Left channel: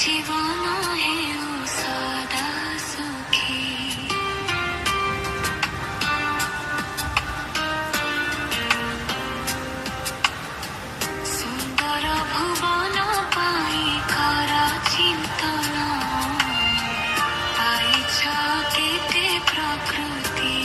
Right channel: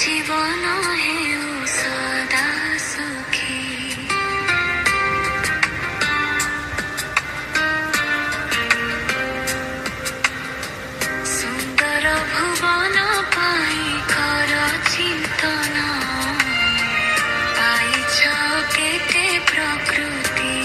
জীবন হেউ সদা সুখী। সুন্দর ভুবন পাই কর চিন্তন, পাইছ কেতে প্রকৃতি